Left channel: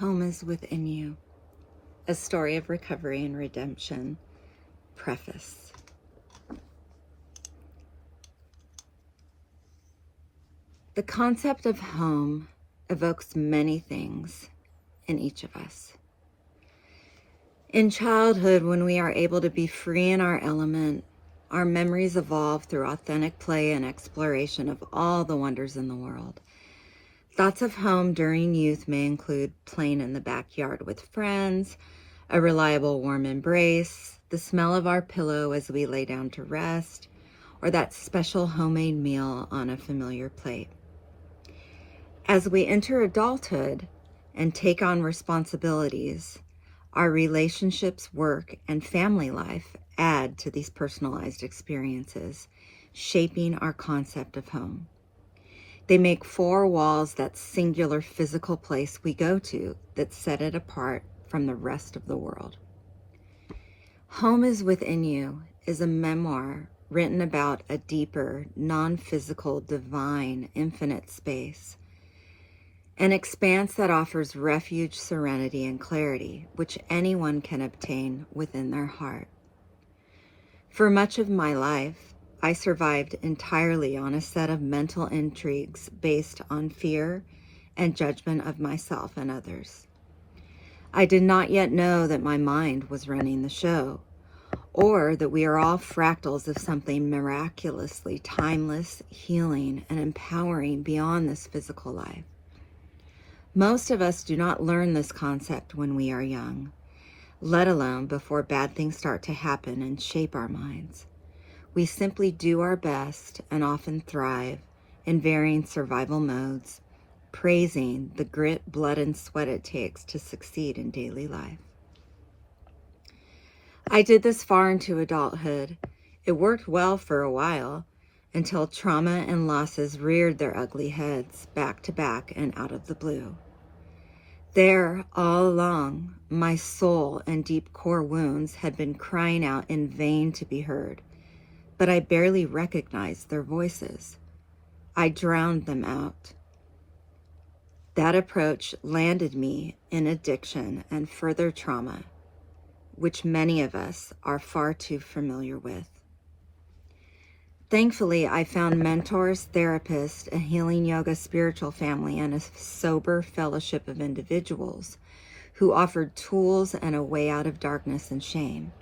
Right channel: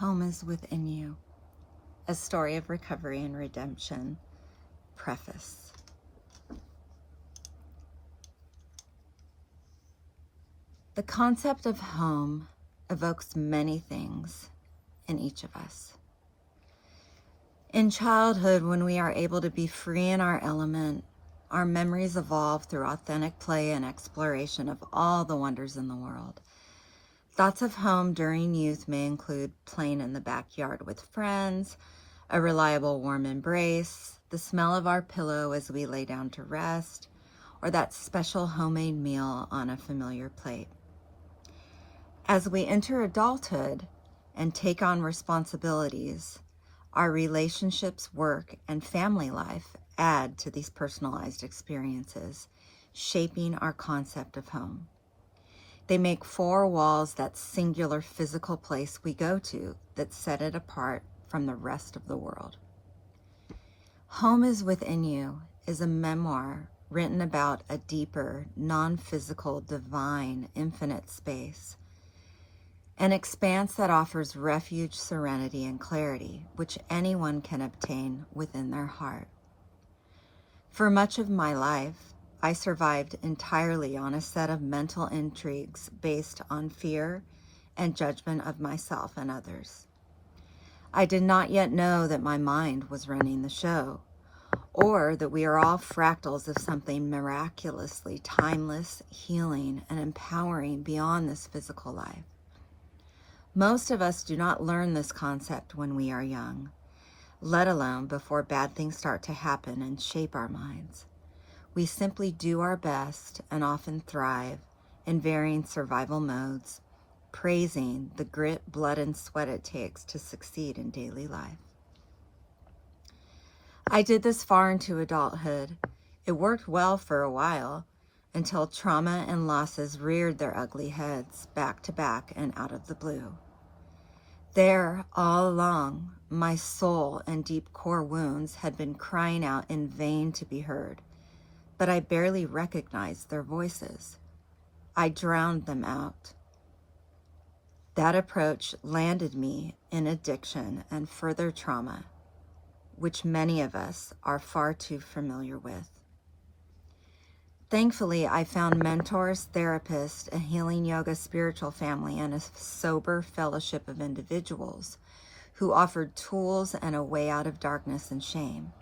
Home is within you. A story of recovery and redemption. Preface. The concept of home evokes many things in each of us. In childhood, when we are able to be free in our element, our memories evolve through authentic play and exploration of all the wonders in the world. Thoughts of home during youth may include playing in the backyard with friends, a reliable warm embrace, the smell of our pillow as we lay down to rest, or that special homemade meal on a familiar plate. As we enter adulthood and take on responsibilities, our relationships, work, and family life add to these personalized experiences, shaping our concept of home. They make four walls that singular physical place we go to that set it apart from the rest of the world. Home is Within You is a memoir written about a deeper, non-physical, divine, infinite space. An expanse that offers refuge, serenity, and clarity, which anyone can obtain within their heart. For much of my life, I survived entirely on a set of mental intrigues based on fear and judgment of myself and others. I did not yet know that my mind was running the show, or that we are all fractals of something miraculously timeless, healing, and empowering beyond this physical life. Most of us do not learn this concept when we are young, let alone before bad things start to happen and shape our minds. We simply do our best and often thrive in varying survival modes, praising the grit, blood, and sweat it takes to succeed in daily life. I did this far into adulthood. It worked well for a while until trauma and losses reared their ugly heads back to back and out of the blue. There, all along, my soul and deep core wounds had been crying out in vain to be heard, but I barely recognized their voices. I drowned them out. That approach landed me in addiction and further trauma, which many of us are far too familiar with. Thankfully, I found mentors, therapists, a healing yoga spiritual family, and a sober fellowship of individuals who offered tools and a way out of darkness and shame.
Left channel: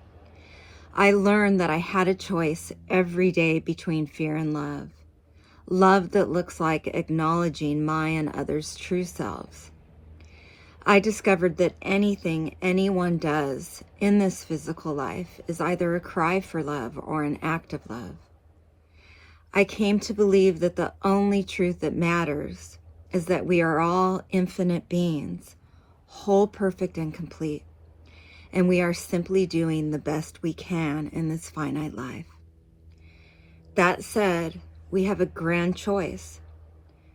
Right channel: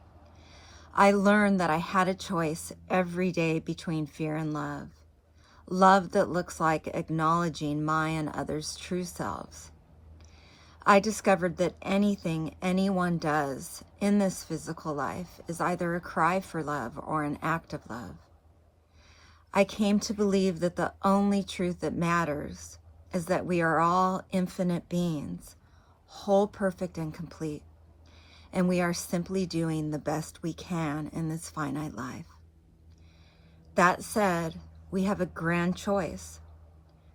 I learned that I had a choice every day between fear and love. Love that looks like acknowledging my and others' true selves. I discovered that anything anyone does in this physical life is either a cry for love or an act of love. I came to believe that the only truth that matters is that we are all infinite beings, whole, perfect, and complete, and we are simply doing the best we can in this finite life. That said, we have a grand choice:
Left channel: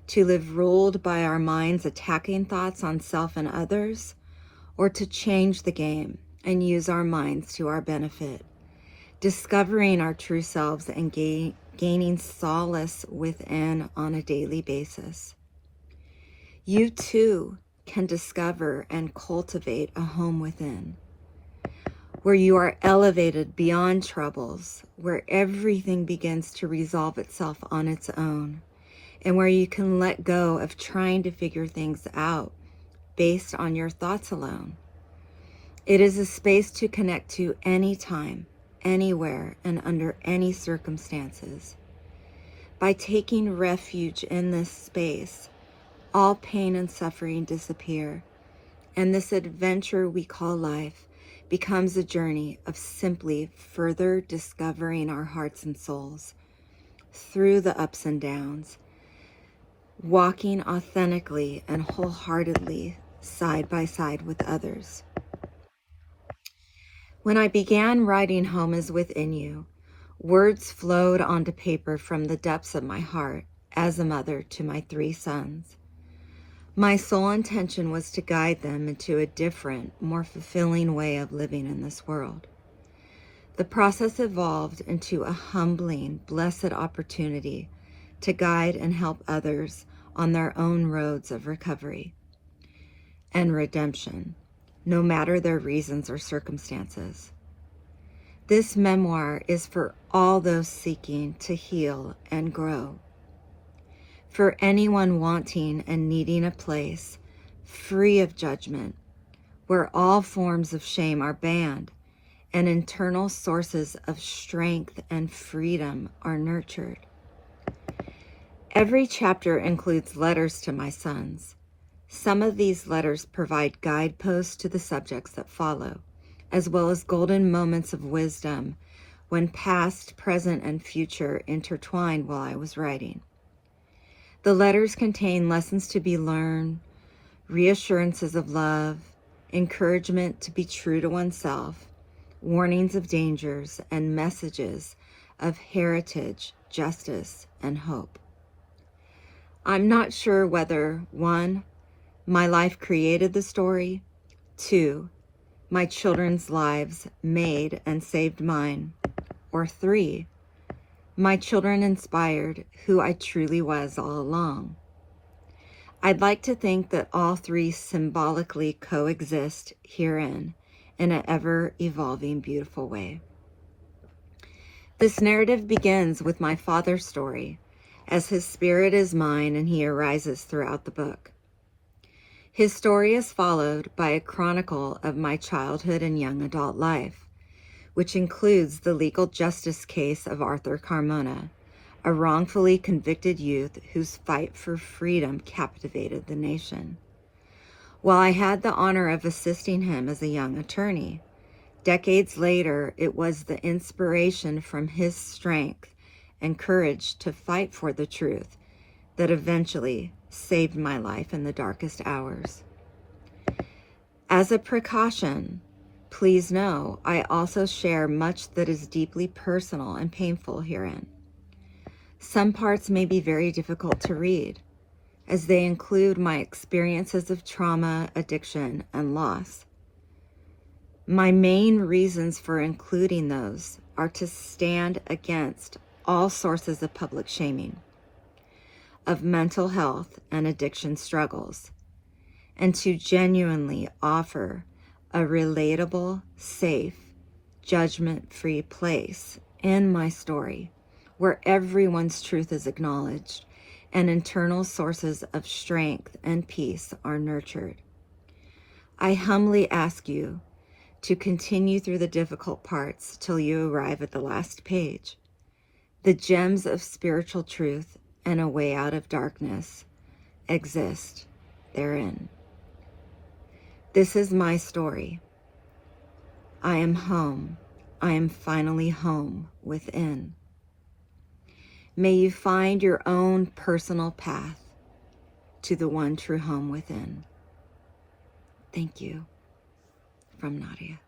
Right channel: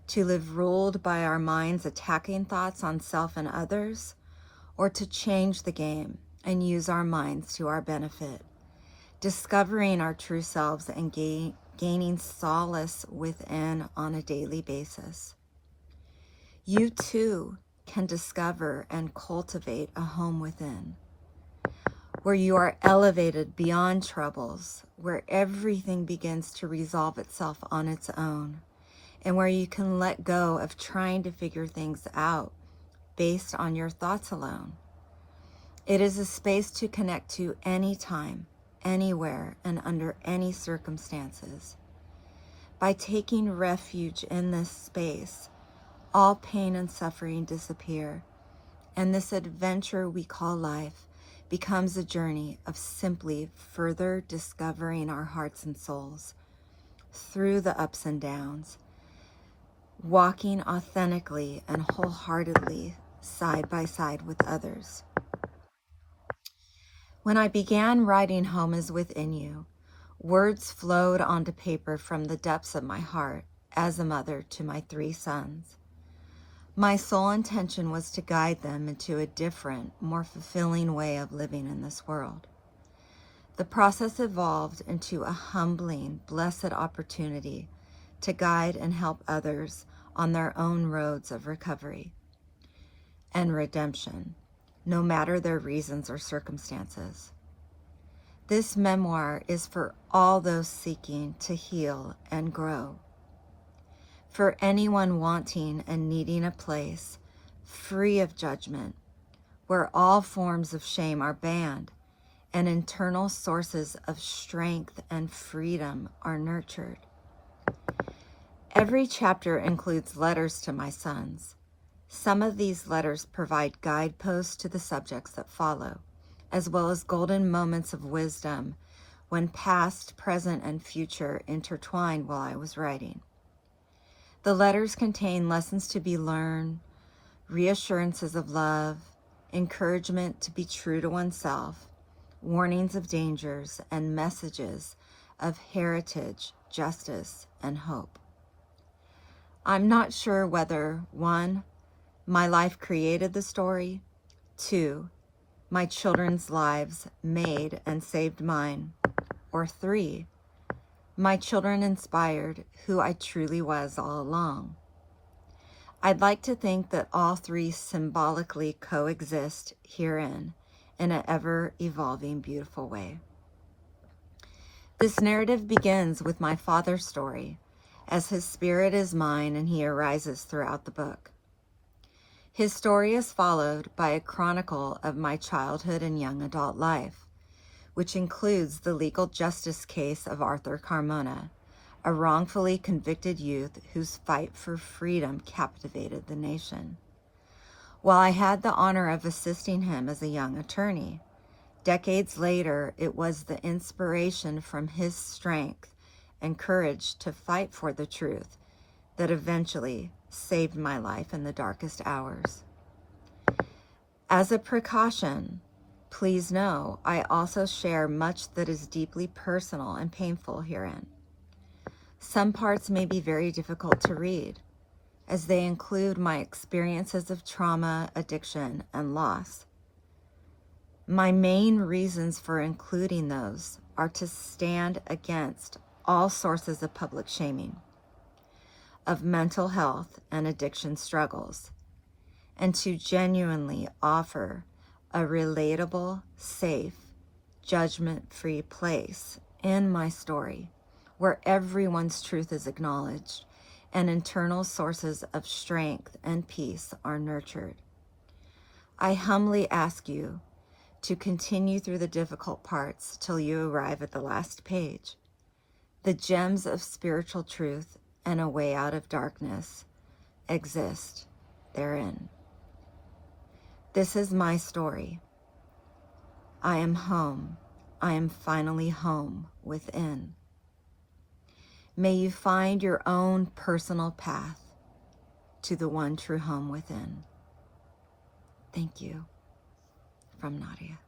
to live ruled by our minds' attacking thoughts on self and others, or to change the game and use our minds to our benefit, discovering our true selves and gaining solace within on a daily basis. You too can discover and cultivate a home within, where you are elevated beyond troubles, where everything begins to resolve itself on its own, and where you can let go of trying to figure things out based on your thoughts alone. It is a space to connect to anytime, anywhere, and under any circumstances. By taking refuge in this space, all pain and suffering disappear, and this adventure we call life becomes a journey of simply further discovering our hearts and souls through the ups and downs, walking authentically and wholeheartedly side by side with others. When I began writing Home is Within You, words flowed onto paper from the depths of my heart as a mother to my 3 sons. My sole intention was to guide them into a different, more fulfilling way of living in this world. The process evolved into a humbling, blessed opportunity to guide and help others on their own roads of recovery. and redemption, no matter their reasons or circumstances. This memoir is for all those seeking to heal and grow, for anyone wanting and needing a place free of judgment, where all forms of shame are banned and internal sources of strength and freedom are nurtured. Every chapter includes letters to my sons. Some of these letters provide guideposts to the subjects that follow, as well as golden moments of wisdom when past, present, and future intertwined while I was writing. The letters contain lessons to be learned, reassurances of love, encouragement to be true to oneself, warnings of dangers, and messages of heritage, justice, and hope. I'm not sure whether 1, my life created the story, 2, my children's lives made and saved mine, or 3, my children inspired who I truly was all along. I'd like to think that all 3 symbolically coexist herein in an ever-evolving, beautiful way. This narrative begins with my father's story, as his spirit is mine and he arises throughout the book. His story is followed by a chronicle of my childhood and young adult life, which includes the legal justice case of Arthur Carmona, a wrongfully convicted youth whose fight for freedom captivated the nation. While I had the honor of assisting him as a young attorney, decades later, it was the inspiration from his strength and courage to fight for the truth that eventually saved my life in the darkest hours. As a precaution, please know I also share much that is deeply personal and painful herein. Some parts may be very difficult to read, as they include my experiences of trauma, addiction, and loss. My main reasons for including those are to stand against all sources of public shaming, of mental health and addiction struggles, and to genuinely offer a relatable, safe, judgment-free place in my story where everyone's truth is acknowledged and internal sources of strength and peace are nurtured. I humbly ask you to continue through the difficult parts till you arrive at the last page. The gems of spiritual truth and a way out of darkness exist therein. This is my story. I am home. I am finally home within. May you find your own personal path to the one true home within. Thank you. From Nadia.